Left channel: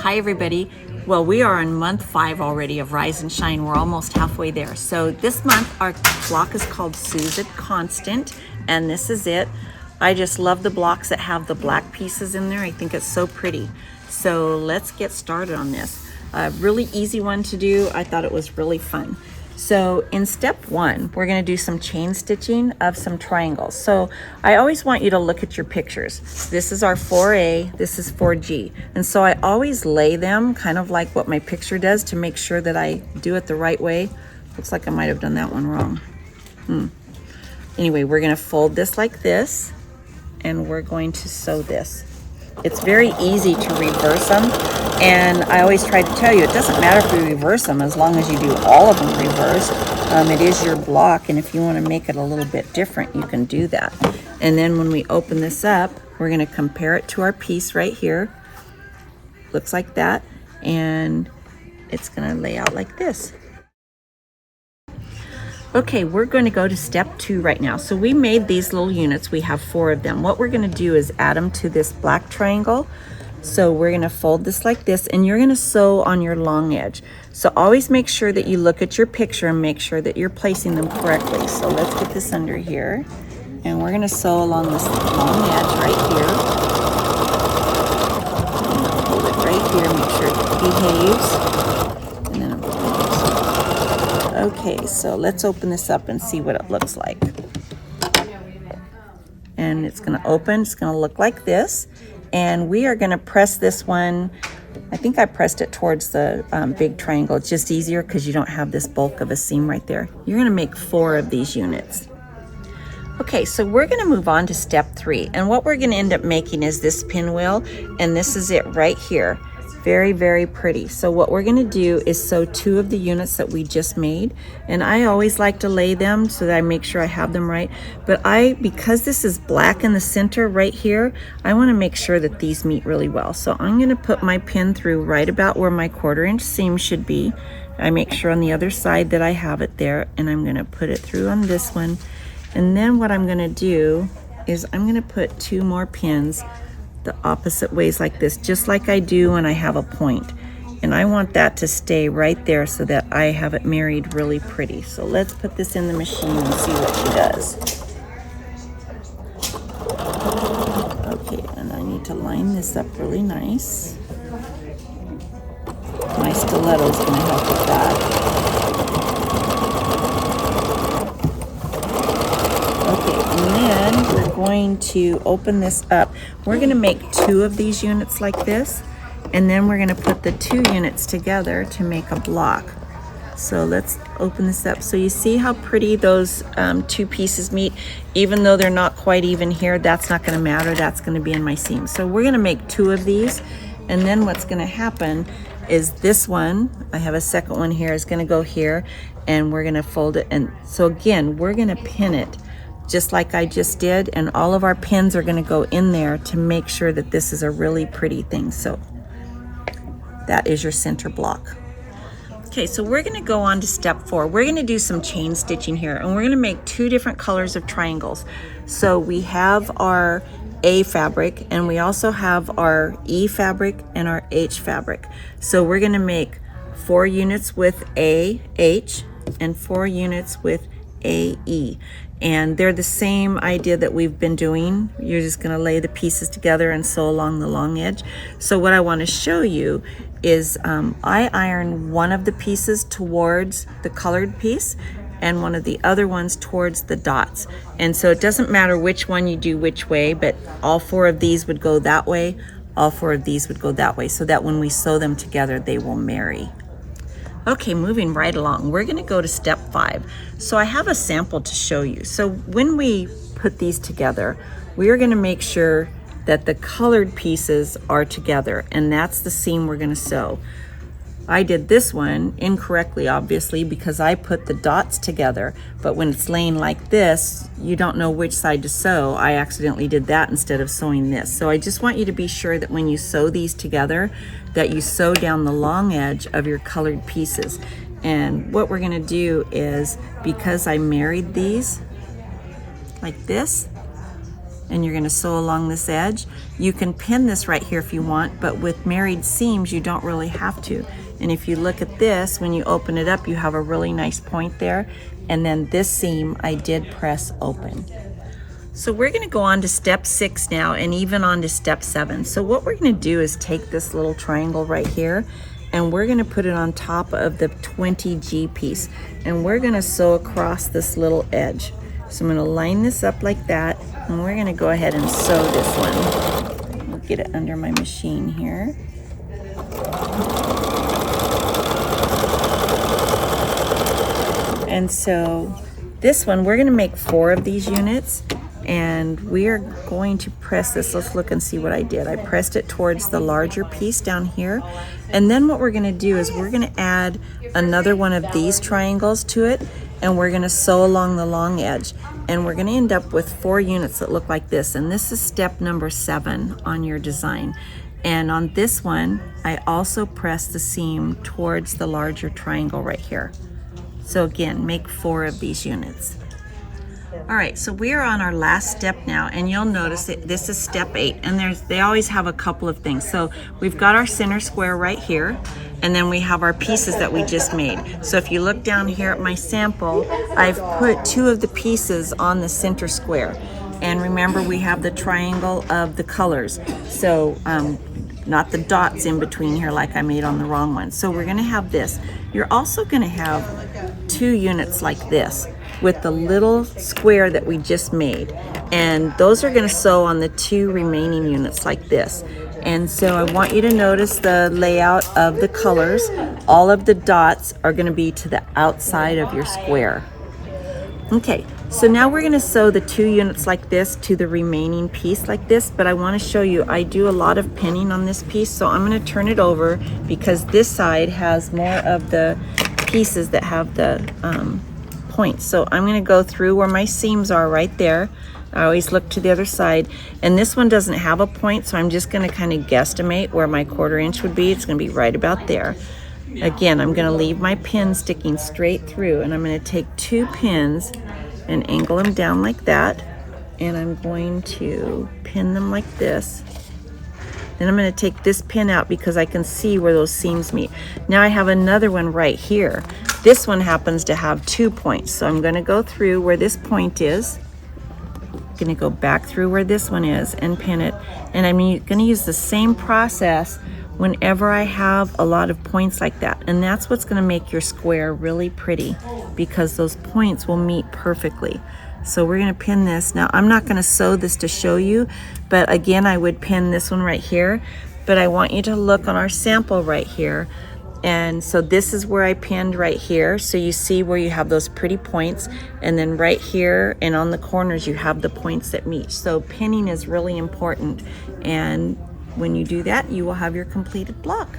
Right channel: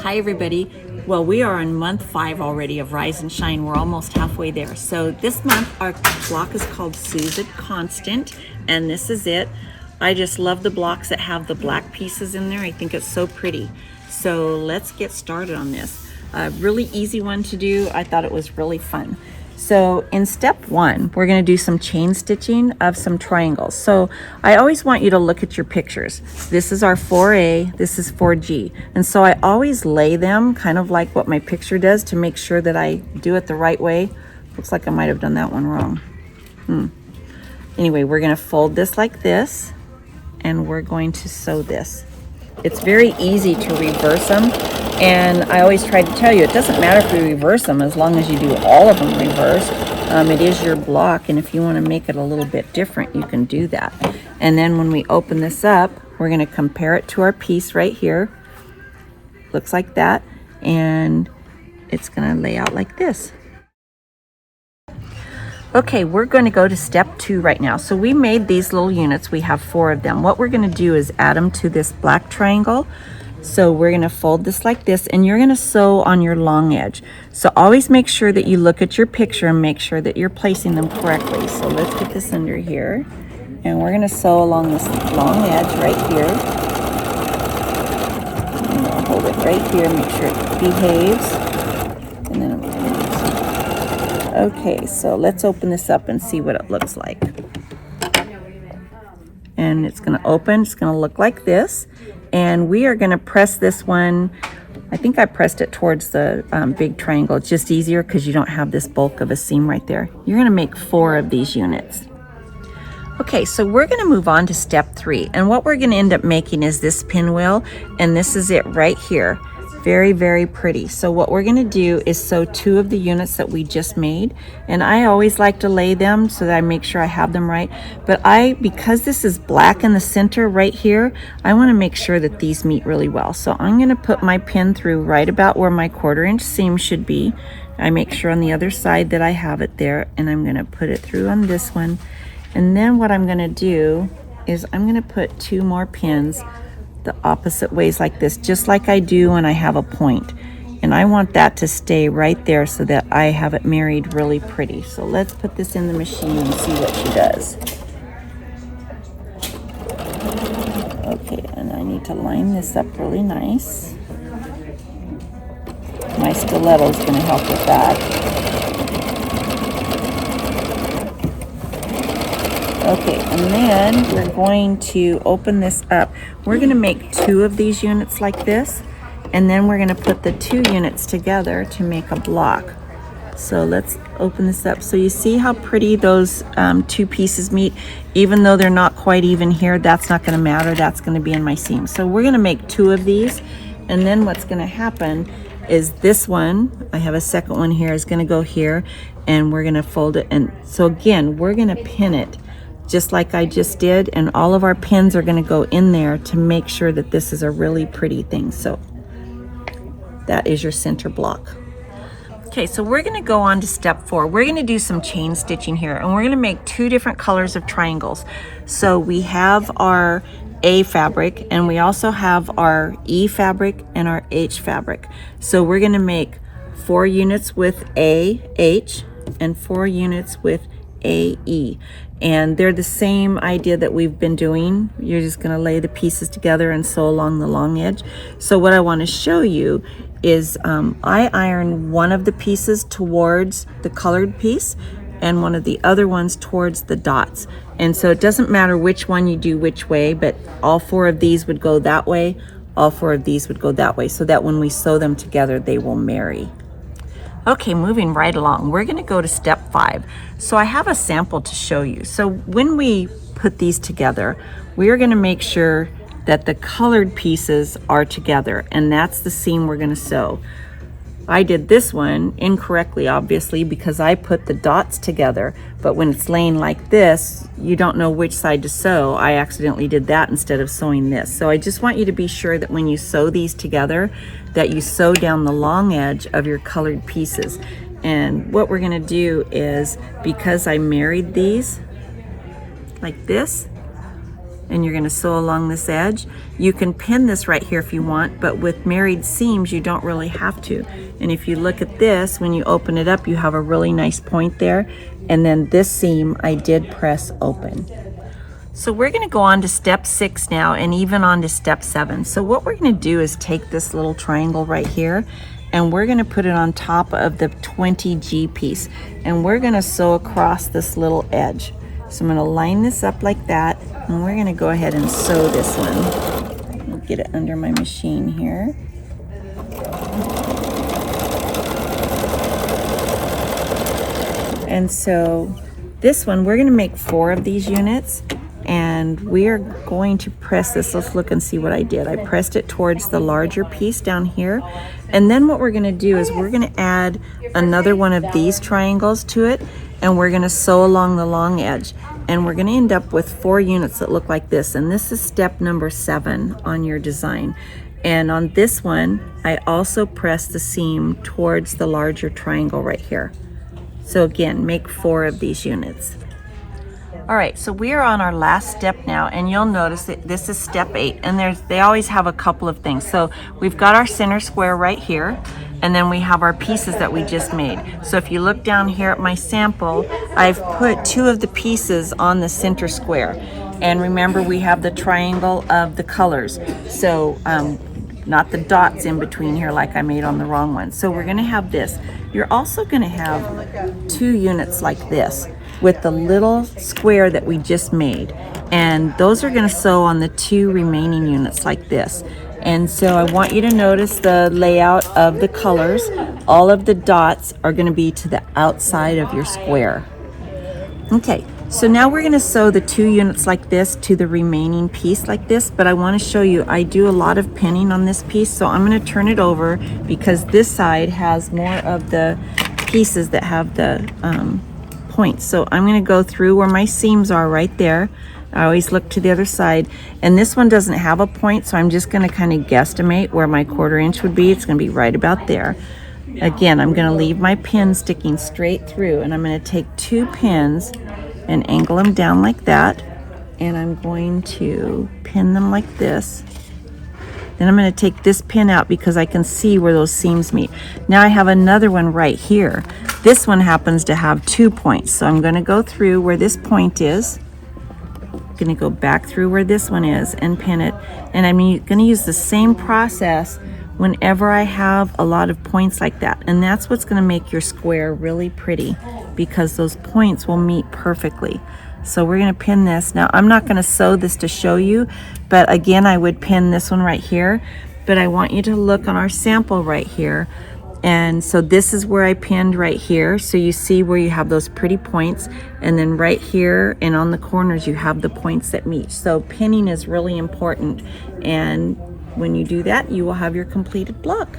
Hi everybody. Well, we are on month 5 already of Rise and Shine. We're almost halfway there. So this month our block is called Susan Constant, and this is it. I just love the blocks that have the black pieces in there. I think it's so pretty. So let's get started on this. A really easy one to do. I thought it was really fun. So in step 1, we're going to do some chain stitching of some triangles. So I always want you to look at your pictures. This is our 4A, this is 4G. And so I always lay them kind of like what my picture does to make sure that I do it the right way. Looks like I might have done that one wrong. Anyway, we're going to fold this like this, and we're going to sew this. It's very easy to reverse them, and I always try to tell you it doesn't matter if we reverse them as long as you do all of them reversed. It is your block, and if you want to make it a little bit different, you can do that. And then when we open this up, we're going to compare it to our piece right here. Looks like that, and it's going to lay out like this. Okay, we're going to go to step 2 right now. So we made these little units. We have 4 of them. What we're going to do is add them to this black triangle. So we're going to fold this like this, and you're going to sew on your long edge. So always make sure that you look at your picture and make sure that you're placing them correctly. So let's get this under here, and we're going to sew along this long edge right here. And I'll hold it right here, make sure it behaves. And then okay, so let's open this up and see what it looks like. And it's going to open, it's going to look like this. And we are going to press this one. I think I pressed it towards the big triangle. It's just easier because you don't have this bulk of a seam right there. You're going to make 4 of these units. Okay, so we're going to move on to step 3. And what we're going to end up making is this pinwheel. And this is it right here. Very, very pretty. So what we're going to do is sew 2 of the units that we just made, and I always like to lay them so that I make sure I have them right. But because this is black in the center right here, I want to make sure that these meet really well. So I'm going to put my pin through right about where my 1/4 inch seam should be. I make sure on the other side that I have it there, and I'm going to put it through on this one. And then what I'm going to do is I'm going to put 2 more pins the opposite ways like this, just like I do when I have a point. And I want that to stay right there so that I have it married really pretty. So let's put this in the machine and see what she does. Okay, and I need to line this up really nice. My stiletto is going to help with that. Okay, and then we're going to open this up. We're going to make 2 of these units like this, and then we're going to put the 2 units together to make a block. So let's open this up. So you see how pretty those 2 pieces meet? Even though they're not quite even here, that's not going to matter. That's going to be in my seam. So we're going to make 2 of these, and then what's going to happen is this one, I have a second one here, is going to go here, and we're going to fold it. And so again, we're going to pin it just like I just did, and all of our pins are going to go in there to make sure that this is a really pretty thing. So that is your center block. Okay, so we're going to go on to step 4. We're going to do some chain stitching here, and we're going to make 2 different colors of triangles. So we have our A fabric, and we also have our E fabric and our H fabric. So we're going to make 4 units with AH and 4 units with AE. And they're the same idea that we've been doing. You're just going to lay the pieces together and sew along the long edge. So what I want to show you is I iron one of the pieces towards the colored piece and one of the other ones towards the dots. And so it doesn't matter which one you do which way, but all 4 of these would go that way, all 4 of these would go that way, so that when we sew them together, they will marry. Okay, moving right along, we're going to go to step 5. So I have a sample to show you. So when we put these together, we are going to make sure that the colored pieces are together, and that's the seam we're going to sew. I did this one incorrectly, obviously, because I put the dots together, but when it's laying like this, you don't know which side to sew. I accidentally did that instead of sewing this. So I just want you to be sure that when you sew these together, that you sew down the long edge of your colored pieces. And what we're going to do is, because I married these like this, and you're going to sew along this edge. You can pin this right here if you want, but with married seams you don't really have to. And if you look at this, when you open it up, you have a really nice point there, and then this seam I did press open. So we're going to go on to step 6 now, and even on to step 7. So what we're going to do is take this little triangle right here, and we're going to put it on top of the 20G piece, and we're going to sew across this little edge. So I'm going to line this up like that, and we're going to go ahead and sew this in. I'll get it under my machine here. And so this one, we're going to make 4 of these units, and we are going to press this. Let's look and see what I did. I pressed it towards the larger piece down here, and then what we're going to do is we're going to add another one of these triangles to it, and we're going to sew along the long edge, and we're going to end up with 4 units that look like this. And this is step number 7 on your design. And on this one, I also press the seam towards the larger triangle right here. So again, make 4 of these units. All right, so we are on our last step now, and you'll notice that this is step 8, and they always have a couple of things. So we've got our center square right here, and then we have our pieces that we just made. So if you look down here at my sample, I've put 2 of the pieces on the center square. And remember, we have the triangle of the colors. So not the dots in between here like I made on the wrong one. So we're gonna have this. You're also gonna have 2 units like this with the little square that we just made. And those are gonna sew on the 2 remaining units like this. And so I want you to notice the layout of the colors. All of the dots are gonna be to the outside of your square. Okay, so now we're gonna sew the 2 units like this to the remaining piece like this, but I wanna show you, I do a lot of pinning on this piece, so I'm gonna turn it over because this side has more of the pieces that have the points. So I'm gonna go through where my seams are right there. I always look to the other side, and this one doesn't have a point, so I'm just gonna kind of guesstimate where my 1/4 inch would be. It's gonna be right about there. Again, I'm gonna leave my pin sticking straight through, and I'm gonna take 2 pins and angle them down like that, and I'm going to pin them like this. Then I'm going to take this pin out because I can see where those seams meet. Now I have another one right here. This one happens to have 2 points, so I'm going to go through where this point is, going to go back through where this one is and pin it, and I'm going to use the same process whenever I have a lot of points like that. And that's what's going to make your square really pretty, because those points will meet perfectly. So we're going to pin this. Now I'm not going to sew this to show you, but again, I would pin this one right here, but I want you to look on our sample right here. And so this is where I pinned right here. So you see where you have those pretty points, and then right here and on the corners you have the points that meet. So pinning is really important, and when you do that, you will have your completed block.